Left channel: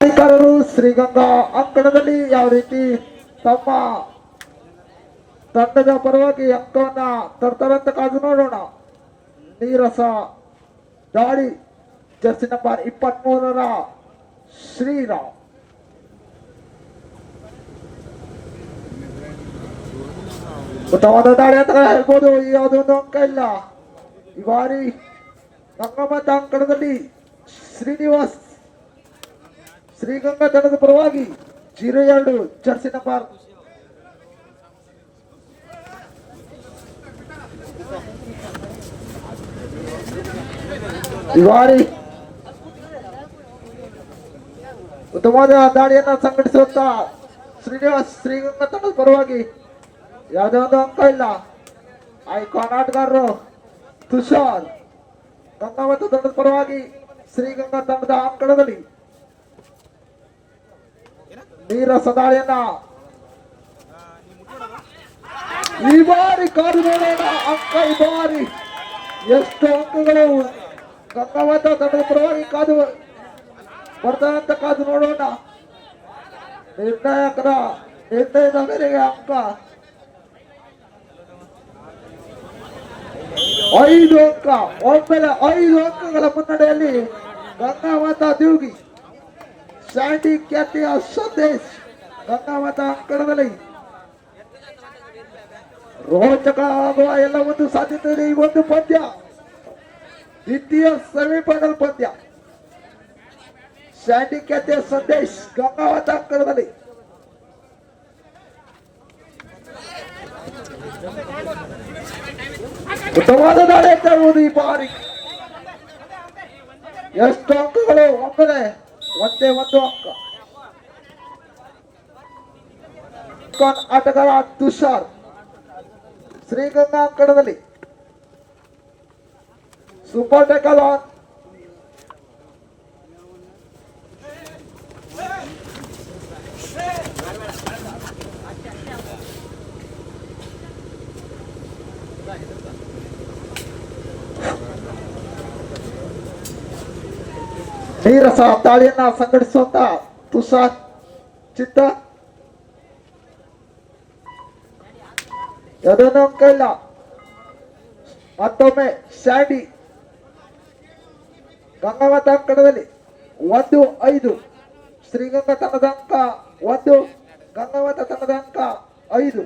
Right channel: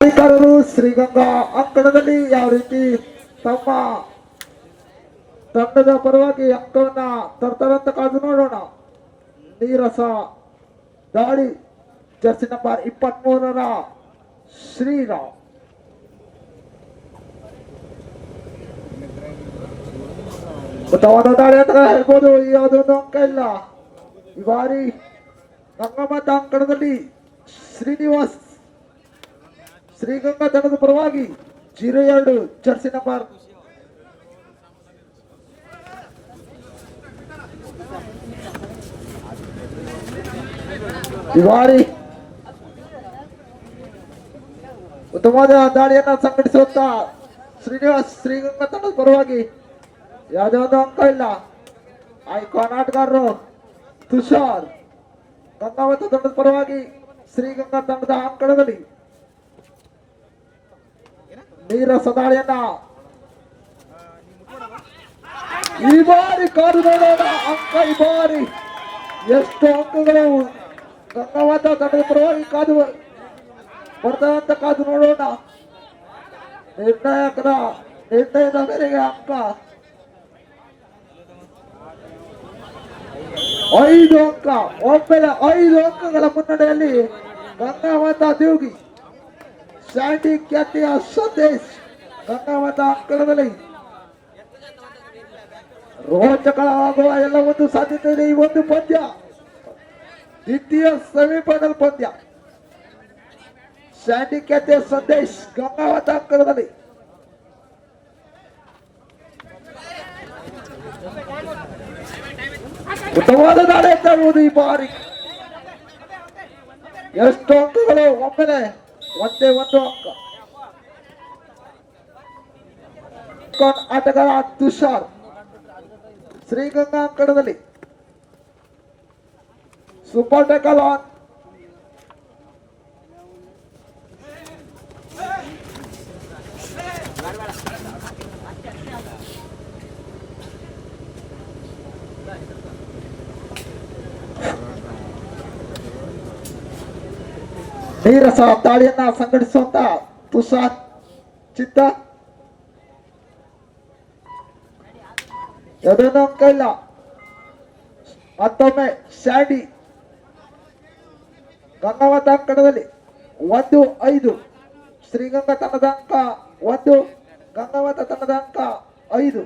ಅಧಿಕಾರರು ಶ್ರೀಗಂಗಾ ಅಂಕಣದಲ್ಲಿ ಯಾವ ರೀತಿ ತಮ್ಮ ತಂಡದ ಪರವಾಗಿ ಅಂಕವನ್ನ ತರ್ತಾರಂತ ಕಾದು ನೋಡೋಣ. ನೀರಸ ದಾಳಿ ಜರ್ಸಿ ನಂಬರ್ ಇಪ್ಪತ್ತ್ ಶ್ರೀರಾಮ್. ಉತ್ತಮವಾದ ದಾಳಿ ಅಂತ ಹೇಳ್ಬೋದು ಯಾವುದೊಂದು ಅಂಕ ಇಲ್ಲ. ಈ ಬಾರಿ ಗಂಗಮ್ಮತ ಅಂಕಣದಲ್ಲಿ ಶ್ರೀನಿವಾಸ್ ಶ್ರೀಗಂಗಾ ತಂಡದ ಪರವಾಗಿ ಜೀರೋ ನಂಬರ್ ಈ ಬಾರಿ ಉತ್ತಮವಾದ ದಾಳಿಯನ್ನ ಸಂಘಟಿಸುವಂತ ಶ್ರೀನಿವಾಸ್ ಶ್ರೀಗಂಗಾ ತಂಡದ ಪರವಾಗಿ ಯಾವುದೇ ಒಂದು ಅಂಕ ಇಲ್ಲ. ಆಟಗಾರರು ತುಷಾರ್, ಗಂಗಾವತ ತಂಡದ ಪರವಾಗಿ ಶ್ರೀಗಂಗಾ ತಂಡದ ಅಂಕಣದಲ್ಲಿ ನೀರ ಸದಾಳಿಯನ್ನ. ಈ ಬಾರಿ ಕಾದು ನೋಡೋಣ ಅಂಕ ಈ ಬಾರಿ ಎಷ್ಟು ಅಂಕಗಳು ಗಂಗವಾದ ತಂಡದ ಪರವಾಗಿ ಕಾದು ಬರ್ತಾ ಅಂತ ಕಾದು ನೋಡೋಣ. ನಿರ್ಣಾಯಕರ ನಿರ್ಣಯದ ಮೇರೆಗೆ ಅಂಕ ಐದು ಅಂಕ, ಒಮ್ಮೆಲೆ ಐದು ಅಂಕಗಳ ಮುನ್ನಡೆಯಲ್ಲಿ ಗಂಗಾವತ ದೇವ್ಗಿ. ಸ್ಯಾಂಡಿ ಖ್ಯಾತಿಯ ಸಂದೇಶ್ ಗಂಗಾವತ ಅಂಕಣದಲ್ಲಿ ರೋಚಕ ಆಗುವ ಎಲ್ಲ ಒಂದು ಸಾಧ್ಯತೆ ಇದೆ. ಈ ಒಂದು ಪಂದ್ಯ, ದ್ವಿತೀಯ ಸೆಮಿಫೈನಲ್ ಪಂದ್ಯ. ಸ್ಯಾಂಡಿ ಖ್ಯಾತಿಯ ಸಂದೇಶ್, ಗಂಗಾವತ ಅಂಕಣದಲ್ಲಿ ಉತ್ತಮವಾದ ದಾಳಿ ಅಂತ ಈ ಬಾರಿ. ಎಷ್ಟು ಅಂಕಗಳು ಒಮ್ಮೆಲೆ ಒಂದೇ ಒಂದು ಅಂಕ ಆಟಗಾರ ತುಷಾರ್ ಶ್ರೀಗಂಗಾ ಅಂಕಣದಲ್ಲಿ ಸೂಪರ್ ಟೆಕಲ್ ನೀರಸ ದಾಳಿಯನ್ನ ಸಂಘಟಿಸುವಂತ ತುಷಾರ್ ಚಿತ್ತ. ಇಲ್ಲ ಮತ್ತೊಮ್ಮೆ ಸ್ಯಾಂಡಿ ಗಂಗಾವತ ಅಂಕಣದಲ್ಲಿ ಒಂದು ಐದು. ಶ್ರೀಗಂಗಾ ತಂಡದ ಅಂಕ ಒಂದು ಗಂಗಾವತ ತಂಡದ ಅಂಕ ಐದು.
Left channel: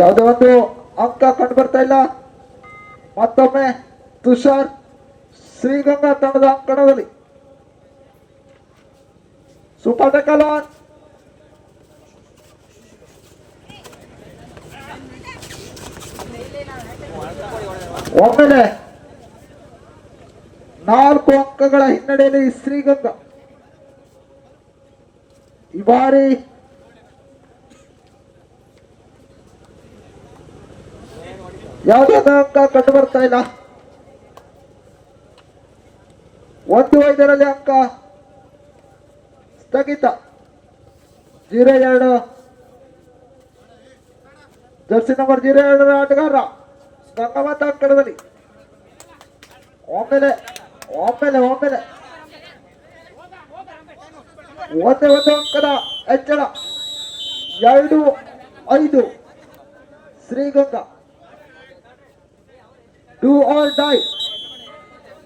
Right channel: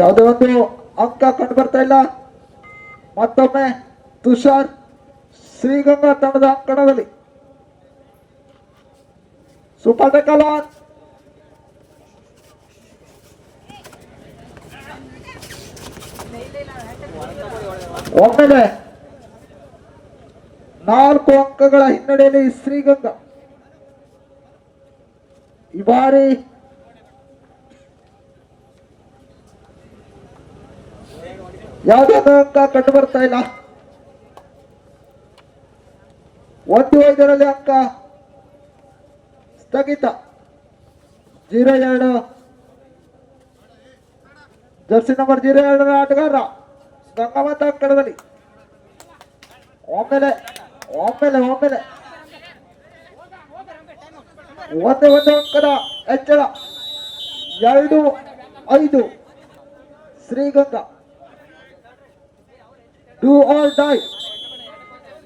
ಯಾವುದೇ ಒಂದು ಅಂಕ ಕಂಡು ಬರ್ತಾ ಇಲ್ಲ. ಮತ್ತೊಮ್ಮೆ ತುಷಾರ್ ಶ್ರೀಗಂಗಾ ತಂಡದ ಅಂಕಣದಲ್ಲಿ. ಸೂಪರ್ ಟೆಕಲ್ ಆನ್ ಒಮ್ಮೆಲೆ ನಾಲ್ಕು ಅಂಕಗಳ ಹಿನ್ನಡೆಯಲ್ಲಿ ಶ್ರೀಗಂಗಾ. ಈ ಬಾರಿ ಯಾವುದೇ ಅಂಕ ಕಂಡು ಬರ್ತಾ ಇಲ್ಲ. ಒಂದು ಐದರಲ್ಲಿ ಅಂಕ ಸ್ಥಗಿತ. ಜೀರೋ ಎರಡು. ಜರ್ಸಿ ನಂಬರ್ ಜೀರೋ ಎರಡರ ಆಟಗಾರ. ಗಂಗಾವತ ಕಡವಲಿ ಒಮ್ಮೆಲೆ ಒಮ್ಮೆಲೆ ಒಮ್ಮೆಲೆ. ಒಂದೇ ಒಂದು ಅಂಕದ ಹೆಚ್ಚಳ. ಎರಡು, ಐದು. ಶ್ರೀಗಂಗಾ. ಡೂ ಆರ್ ಡೈ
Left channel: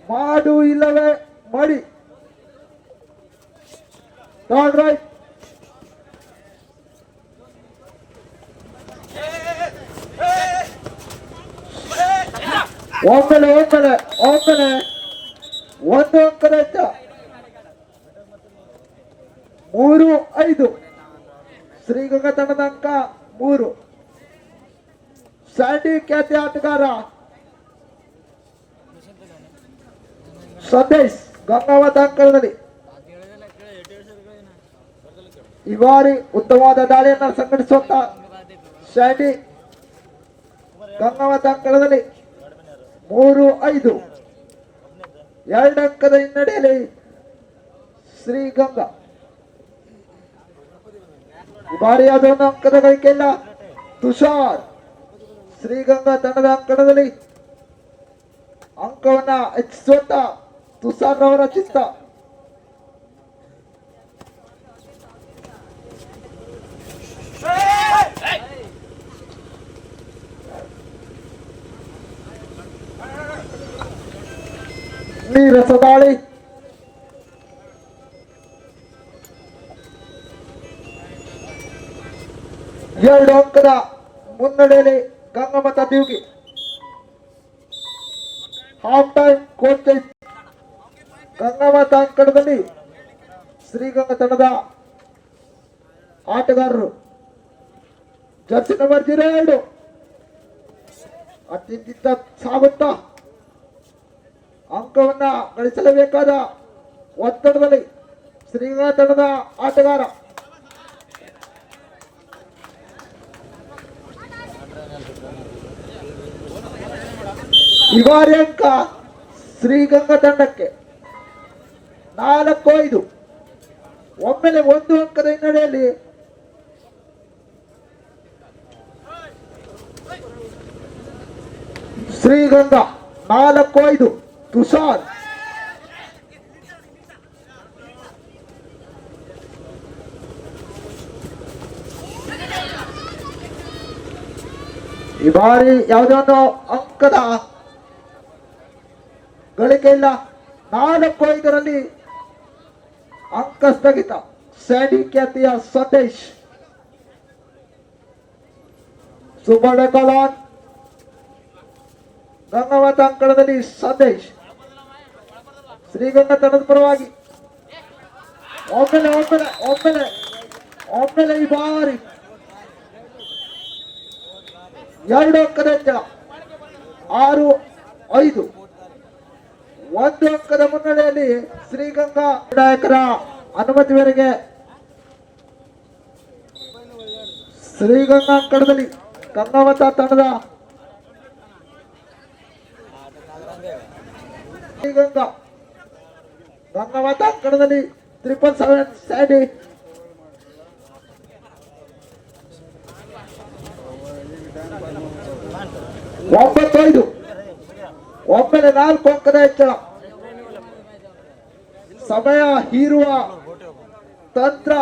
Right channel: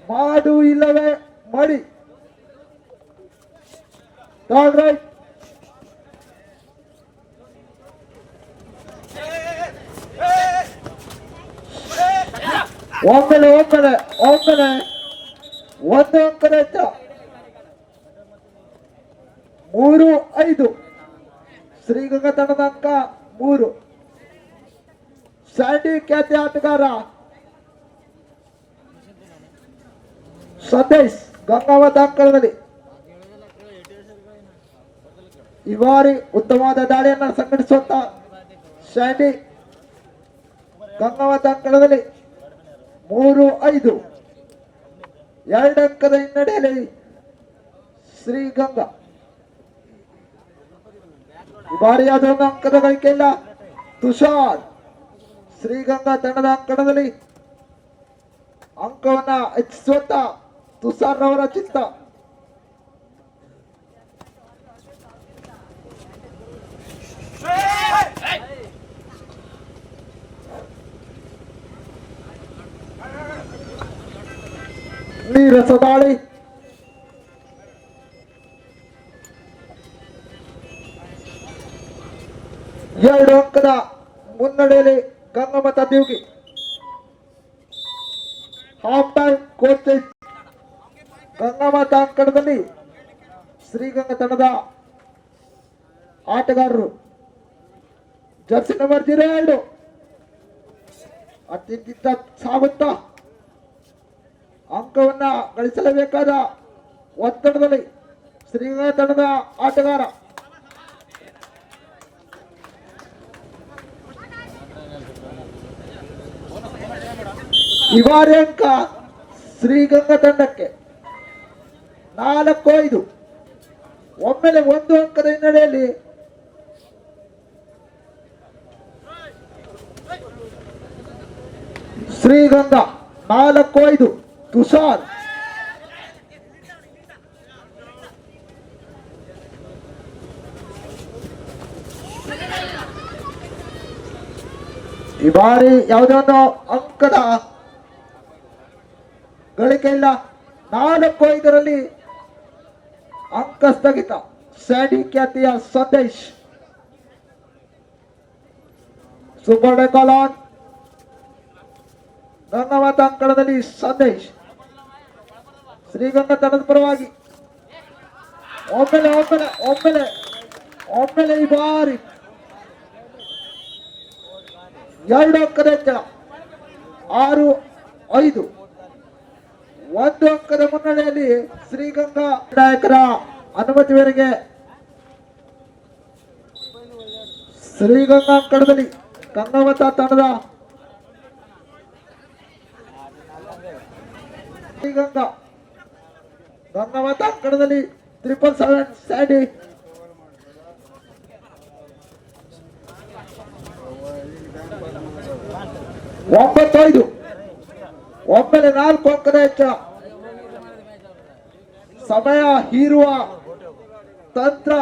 ಮಾಡು ಇಲ್ಲವೇ ಮಾಡಿ ಥರ್ಡ್ ರೈಟ್ ಒಮ್ಮೆಲೆ ಒಮ್ಮೆಲೆ ಒಮ್ಮೆಲೆ ಒಂದು ಅಂಕದ ಹೆಚ್ಚ ಮೂರು ಐದು ಶ್ರೀಗಂಗಾ ತಂಡದ ಅಂಕ ಮೂರು ಸ್ಯಾಂಡಿ ಖ್ಯಾತಿ ಆಟಗಾರ ಸಂದೇಶ್ ಗಂಗಾವತ ಅಂಕಣದಲ್ಲಿ ಈ ಬಾರಿ ಉತ್ತಮವಾದ ದಾಳಿಯನ್ನು ಸಂಘಟಿಸುವಂತ ಶಾಂಡಿ ಗಂಗಾವತ ಅಂಕಣದಲ್ಲಿ ಮೂರು ಐದು. ಎರಡು ಅಂಕದ ಹಿನ್ನಡೆಯಲ್ಲಿ ಶ್ರೀಗಂಗಾ ಈ ಬಾರಿ ಒಂದು ಅಂಕದ ಗಳಿಕೆಯಿಲ್ಲ ತುಷಾರ್ ಶ್ರೀಗಂಗಾ ತಂಡದ ಅಂಕಣದಲ್ಲಿ ಅಂಕವನ್ನ ಹೆಚ್ಚಿಸುವಂತ ತುಷಾರ್ ಅವರ ಚಿತ್ತ ನೀರಸ ದಾಳಿ ಎರಡು ಅಂಕದ ಮುನ್ನಡೆಯಲ್ಲಿ ಗಂಗಮತ ದೇವ್ಗಿ ಹಾಫ್ ಟೈಮ್ ಕೋಚ್ ಗಂಗಮತ ಅಂಕಣದಲ್ಲಿ ಶ್ರೀಗಂಗ ತಂಡದ ಆಟಗಾರರು ಜರ್ಸಿ ನಂಬರ್ ಜೀರೋ ಎರಡು ಅತ್ಯಂತ ಸಾಗುತ್ತಾ ಅಂಕವನ್ನ ಗಳಿಸಲೇಬೇಕಾದ ಒತ್ತಡದಲ್ಲಿ ಶ್ರೀಗಂಗ ತಂಡದ ಆಟಗಾರ ಇವಾರಿ ಅಂಕ ಶ್ರೀಗಂಗಾ ತಂಡಕ್ಕೆ ನಾಲ್ಕು ಐದು ಒಮ್ಮೆಲೆ ಒಂದು ಅಂಕದ ಹಿನ್ನೆಲೆಯಲ್ಲಿ ಶ್ರೀಗಂಧ ನಾಲ್ಕು ಐದು ತುಷಾರ್. ಈ ಬಾರಿ ಯಾವುದೊಂದು ಅಂಕದ ಗಳಿಕೆ ಇಲ್ಲ. ನಾಲ್ಕು ಐದರಲ್ಲಿ ಅಂಕ ಸ್ಥಗಿತ ಸ್ಯಾಂಡಿ ಖ್ಯಾತಿಯ ಸಂದೇಶ್ ಸುವರ್ಣ ಕಲಾನ್ ಗಂಗಾವತ ಅಂಕಣದಲ್ಲಿ ಸಂದೇಶ್ ಶ್ರೀಗಂಗಾ ತಂಡದ ಪರವಾಗಿ. ಒಮ್ಮೆಲೆ ಒಮ್ಮೆಲೆ ಒಮ್ಮೆಲೆ ಒಮ್ಮೆಲೆ ಈ ಬಾರಿ. ಎರಡು ಅಂಕದ ಆರು, ಐದು. ಒಂದು ಅಂಕದ ಮುನ್ನಡೆಯಲ್ಲಿ ಶ್ರೀಗಂಗಾ ನಾಯಕರ ಅನುಮತಿ ಮೇರೆಗೆ ಶ್ರೀಗಂಗಾ ಅಂಕಣದಲ್ಲಿ ಗಂಗಾವತ ತಂಡದ ಶ್ರೀಗಂಗಾ ಗಂಗಾವತ ಅಂಕಣದಲ್ಲಿ ತ್ರಿಪಲ್ ಸೆವೆನ್ ಸ್ಯಾಂಡಿ ಒಂಬತ್ತೈದು. ಒಮ್ಮೆಲೆ ನಾಲ್ಕು ಅಂಕದ ಹೆಚ್ಚಳ ಸಮಯ ಹೀರುವ ತಂತ್ರ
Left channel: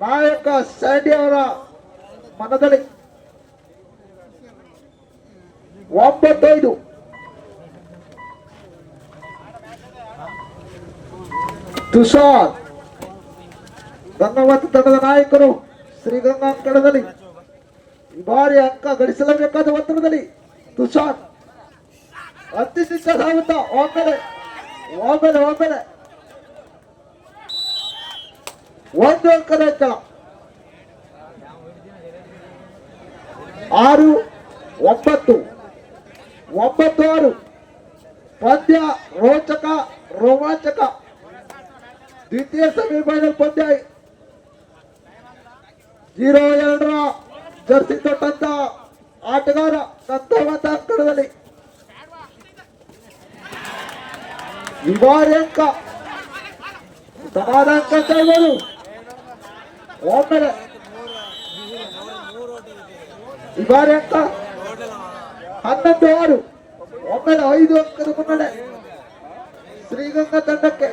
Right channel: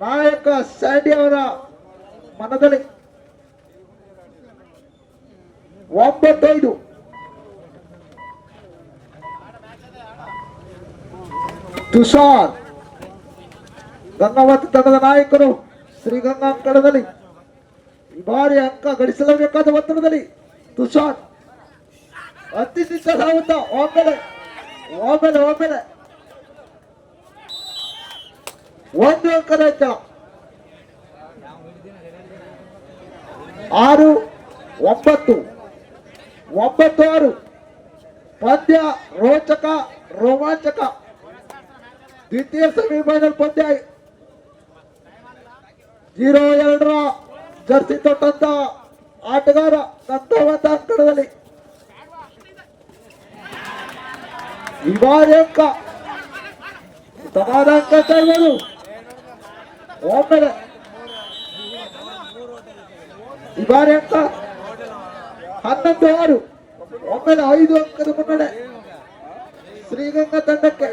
ನಾಯಕ ಸ್ಯಾಂಡಿ ಅವರ ಮನದಲ್ಲಿ. ಒಂಬತ್ತೈದು. ತುಷಾರ್, ಗಂಗಾವತಿ ತಂಡದ ನಾಯಕರು ಶ್ರೀಗಂಗಾ ಅಂಕಣದಲ್ಲಿ ಈ ಬಾರಿ ಅಂಕ ಗಳಿಸಲೇಬೇಕಾದ ಒತ್ತಡದಲ್ಲಿ ತುಷಾರ್. ಅತ್ಯಂತ ಸಾಗುತ್ತ ಒಮ್ಮೆಲೆ ಒಮ್ಮೆಲೆ ಒಮ್ಮೆಲೆ ಒಂದು ಅಂಕದ ಆರು, ಒಂಬತ್ತು. ಒಂಬತ್ತು ಆರು. ಪಂದ್ಯ ರೋಚಕ, ರೋಮಾಂಚಕ. ದ್ವಿತೀಯ ಸೆಮಿಫೈನಲ್ ಪಂದ್ಯ. ಜೀರೋ ಎರಡರ ಜರ್ಸಿ ತೊಟ್ಟಂತ ಆಟಗಾರ ಗಂಗಾವತ ಅಂಕಣದಲ್ಲಿ. ಈ ಬಾರಿ ಅಂಕ ಸಮಾಧಾನ ಅಂತ ಇರ್ಬೋದು ಒಮ್ಮೆಲೆ ಈ ಬಾರಿ ಅಂಕ ಹನ್ನೊಂದು ಆರು ಒಮ್ಮೆಲೆ ಐದು ಅಂಕದ ಮುನ್ನಡೆ ಶ್ರೀಗಂಗಾ ತಂಡಕ್ಕೆ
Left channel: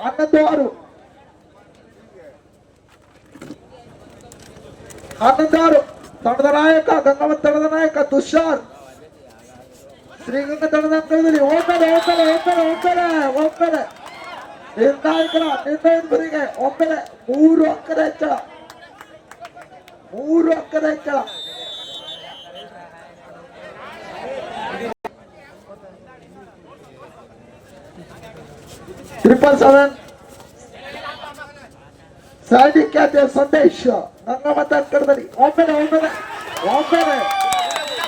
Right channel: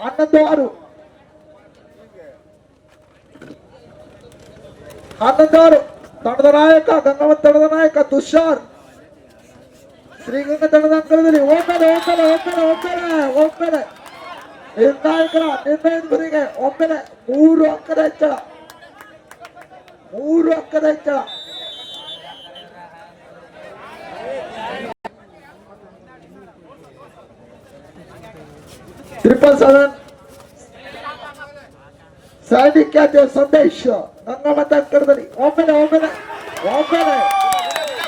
ಹನ್ನೊಂದು ಆರು ಹನ್ನೊಂದು ಆರು ತಂಡದ ನಾಯಕ ಗಂಗಾವತ್ ತಂಡದ ನಾಯಕ ತುಷಾರ್ ಶ್ರೀಗಂಗಾ ತಂಡದ ಅಂಕಣದಲ್ಲಿ ಒಮ್ಮೆಲೆ ಒಮ್ಮೆಲೆ ಒಮ್ಮೆಲೆ ಒಮ್ಮೆಲೆ ಒಮ್ಮೆಲೆ ನಿರ್ಣಾಯಕರ ನಿರ್ಣಯದ ಗುರಿಗೆ ಒಮ್ಮೆಲೆ ಮೂರು ಅಂಕದ ಹೆಚ್ಚಳ ಮೂರು ಅಂಕದ ಹೆಚ್ಚಳ ಟ್ರಿಪಲ್ ಸೆವೆನ್ ಸ್ಯಾಂಡಿ ಖ್ಯಾತಿಯ ಸಂದೇಶ್ ಗಂಗಾವತ ಅಂಕಣದಲ್ಲಿ ಒಮ್ಮೆಲೆ ಒಮ್ಮೆಲೆ ಒಮ್ಮೆಲೆ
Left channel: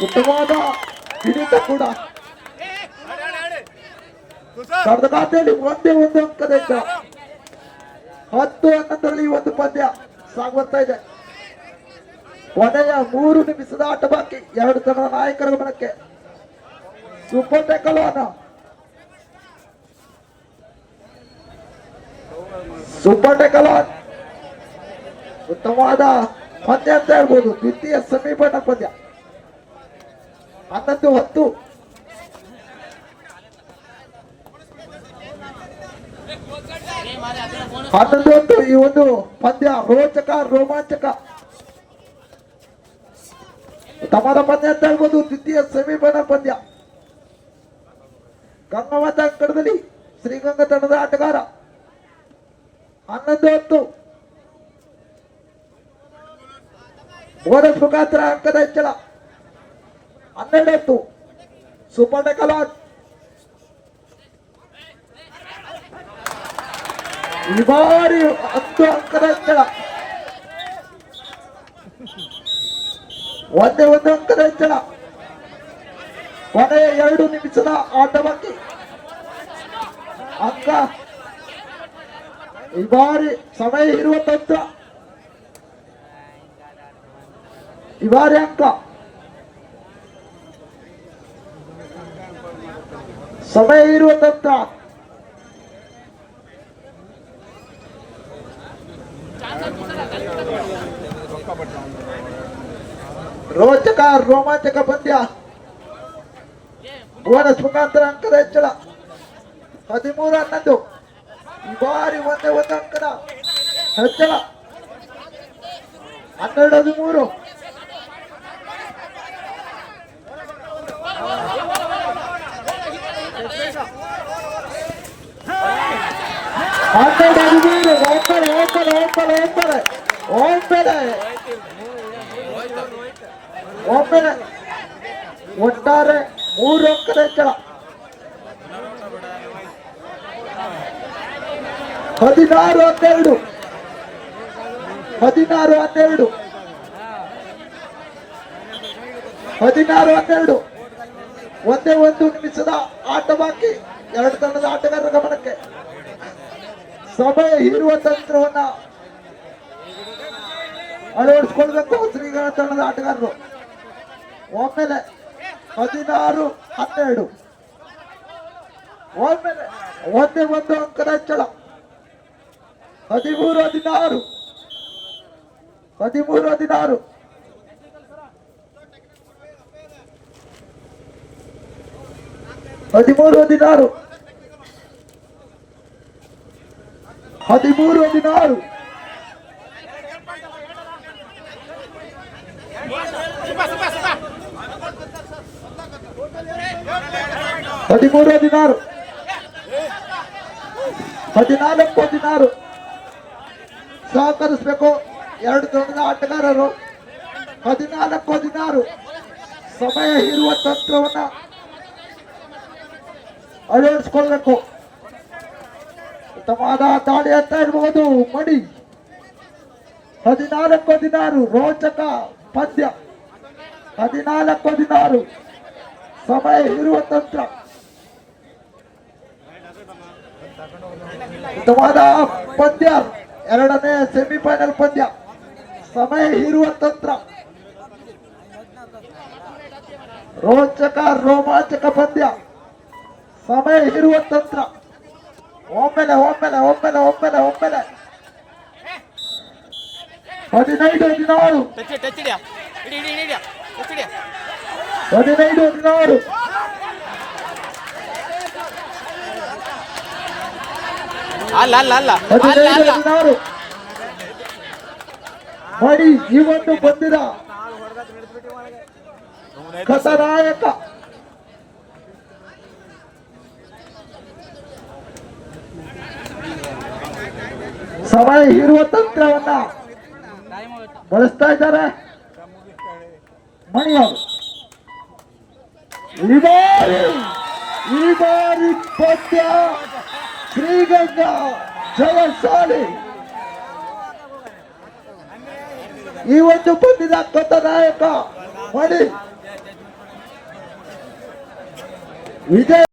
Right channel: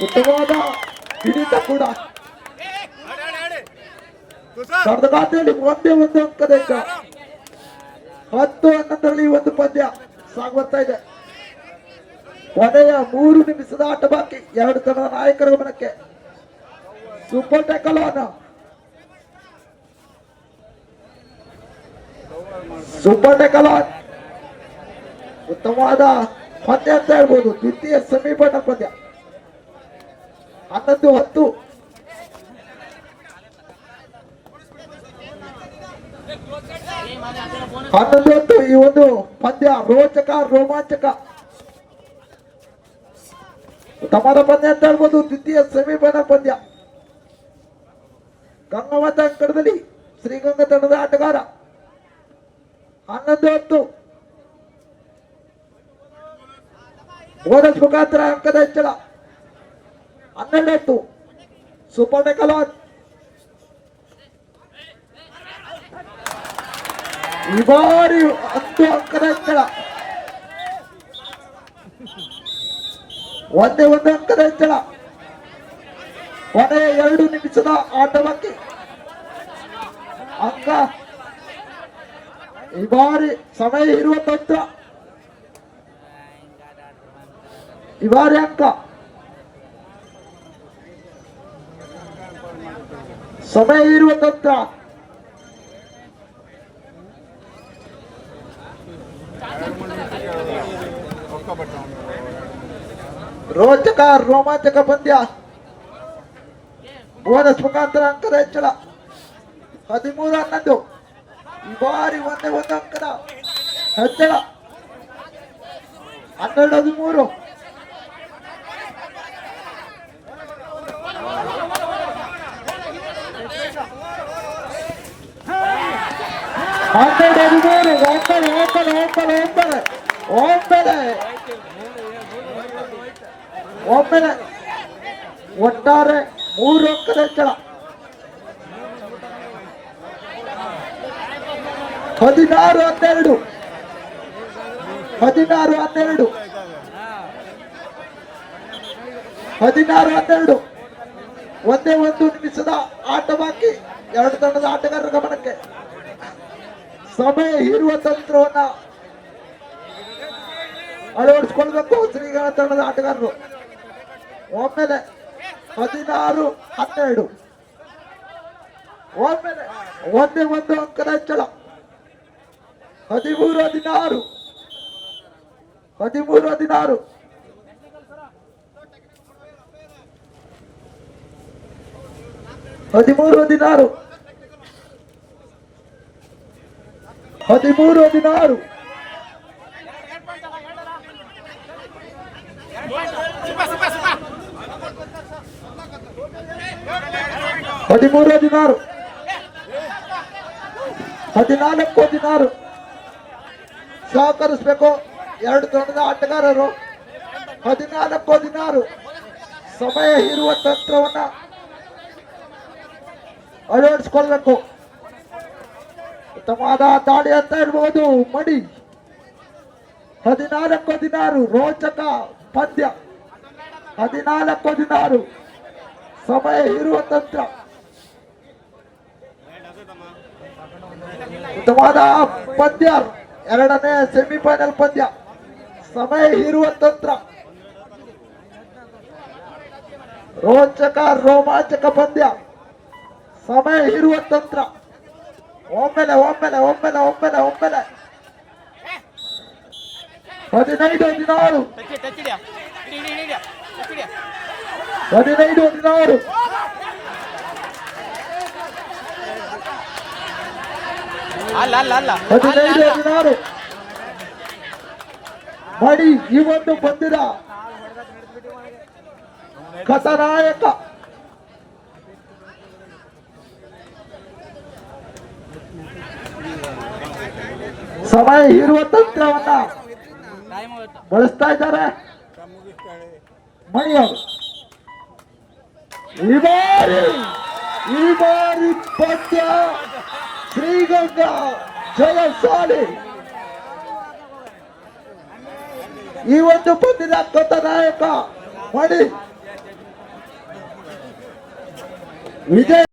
ಉತ್ತಮವಾದ ಹಿಡಿತ ಕೂಡ. ಸಾವಿರದ ಖಾತೆಯಲ್ಲಿ ಒಂದೇ ಒಂದು ಅಂಕದ ಹತ್ತು ಹನ್ನೊಂದರಲ್ಲಿ ಒಂದು ಪಂದ್ಯ ಸಾಗುತ್ತಾ ಇದೆ. ಕೊನೆಯ ಮೂರು ನಿಮಿಷದ ಆಟ ಬಾಕಿ. ಎರಡು ತಂಡದ ನಾಯಕರ ಗಮನಕ್ಕೆ. ಸೂಪರ್ ಟೆಕಲ್ ಸೂಪರ್ ಡೆಕಲಾನ್ ಉತ್ತಮವಾದ ಪಂದ್ಯ ಅಂತ ಹೇಳ್ಬೋದು. ದ್ವಿತೀಯ ಸಮೀಪದ ಪಂದ್ಯ. ಹನ್ನೊಂದು ಹತ್ತು. ಹನ್ನೊಂದು ಹತ್ತು, ಈ ಒಂದು ಪಂದ್ಯ ರೋಚಕ, ರೋಮಾಂಚಕ. ತಮರ ಪಂದ್ಯ ಅಂತ ಹೇಳ್ಬೋದು. ದ್ವಿತೀಯ ಸಮೀಪದ ಪಂದ್ಯ. ಗಂಗವತ ಅಂಕಣದಲ್ಲಿ ಶ್ರೀಗಂಗ ತಂಡದ ಆಟಗಾರ. ಹನ್ನೊಂದು ಹತ್ತು. ಬೋನಸ್ ಮುಖಾಂತರ ಅಂಕದ ಹೆಚ್ಚಳ ಹನ್ನೆರಡು ಹತ್ತು ಸುಪರ್ಣ ಕಲಾನ್. ಈ ಬಾರಿ ಹತ್ತು ಅಂಕದ ಹೆಚ್ಚಳ ಒಂದೇ ಒಂದು ಅಂಕದ ಹೆಚ್ಚಳ ಕೊನೆಯ ಎರಡು ನಿಮಿಷದ ಆಟ ಬಾಕಿ ಅಂಕ. ಈ ಬಾರಿ ಸಮಯ ಇರುವ ತಂತ್ರ. ಈ ಬಾರಿ ಅಂಕ ಸಮಯ ಇರುವ ತಂತ್ರ ರೋಚಕ, ರೋಮಾಂಚಕ ಪಂದ್ಯ. ಬೋನಸ್ ಮುಖಾಂತರ ಅಂಕದ ಹೆಚ್ಚಳ. ಹದಿಮೂರು ಹನ್ನೊಂದು. ಈ ಬಾರಿ ಒಂದೇ ಒಂದು ಅಂಕದ ಹೆಚ್ಚಳ. ಹನ್ನೆರಡು, ಹದಿಮೂರು. ಹನ್ನೆರಡು ಹದಿಮೂರು ಒಪ್ಪಲೆ ಒಪ್ಪಲೆ ಒಪ್ಪಲೆ ಒಪ್ಪಲೆ ಒಪ್ಪಲೆ ಒಪ್ಪಲೆ ಒಟ್ಟಾರೆ ಮೂರು ಅಂಕದ ಹೆಚ್ಚಳ ಹದಿನಾರು ಹನ್ನೆರಡು ಹದಿನಾರು ಹನ್ನೆರಡು. ಹದಿನಾರು ಹನ್ನೆರಡು. ಒಂದೇ ಒಂದು ನಿಮಿಷದ ಆಟ ಬಾಕಿ ಎರಡು ತಂಡದ ಆಟಗಾರರ ಗಮನಕ್ಕೆ. ಸಮಯ ಹೀರುವ ತಂತ್ರವನ್ನ ಅಳವಡಿಸಿಕೊಳ್ಬೇಕು ಶ್ರೀಗಳ ತಂಡದ ಆಟಗಾರರು. ಒಮ್ಮೆಲೆ ಹದಿನಾರು, ಹನ್ನೆರಡು. ಒಮ್ಮೆಲೆ ಒಂದೇ ಒಂದು ಅಂಕದ ಹೆಚ್ಚಳ. ಹದಿಮೂರು, ಹದಿನಾರು. ಹದಿಮೂರು, ಹದಿನಾರು. ಹದಿಮೂರು ಹದಿನಾರು. ಹದಿಮೂರು ಹದಿನಾರು. ಹದಿಮೂರು ಹದಿನಾರು. ಹದಿನಾಲ್ಕು ಹದಿನಾರು. ಸಹಕರಿಸಬೇಕು ಎರಡು ತಂಡದ ಆಟಗಾರರು. ಹದಿನಾಲ್ಕು ಹದಿನಾರು. ಸಮಯ ಇರುವ ತಂತ್ರವನ್ನ ಅಳವಡಿಸಿಕೊಳ್ಬೇಕು ಉತ್ತಮವಾದ ದಾಳಿ ಅಂತ ಹೇಳ್ಬಹುದು ಮಡಿ. ಹದಿನಾಲ್ಕು ಹದಿನಾರು ರೋಚಕ ಪದ್ಯ. ಹದಿನಾಲ್ಕು ಹದಿನಾರು. ಸಮಯ ಇರುವ ತಂತ್ರ. ಉತ್ತಮವಾದ ಪದ್ಯ. ಎರಡನೇ ಸೆಮಿಫೈನಲ್ ಪಂದ್ಯ. ಸಮಯ ಇರುವ ತಂತ್ರ. ರೋಚಕ ರೋಮಾಂಚಕ ಪಂದ್ಯ. ಸಮಯ ಇರುವ ತಂತ್ರ. ಒಮ್ಮೆಲೆ ಒಮ್ಮೆಲೆ ಒಮ್ಮೆಲೆ ಒಮ್ಮೆಲೆ ಒಮ್ಮೆಲೆ ಹದಿನೈದು ಹದಿನಾರು. ಹದಿನೈದು ಹದಿನಾರು. ಅಲ್ಲ ಅಲ್ಲ ಅಲ್ಲ. ಹದಿನೈದು ಹದಿನಾರು. ಮಾಡಿ ಈ ಒಂದು ಬಂದಿದ. ಕಥನಾಯಕ ಸಮಯ ಇರುವ ತಂತ್ರವನ್ನ ಬಳಸ್ತಾ ಇದ್ದಾರೆ. ಮಣಿಯವರು. ಈ ಬಾರಿ ಈ ಬಾರಿ ಪಂದ್ಯ, ಶ್ರೀಗಂಗಾ ಜಯಶಾಲಿ ಈ ಒಂದು ಪಂದ್ಯದ ಕಥನಾಯಕ ಮಣಿ. ವಿಜಯ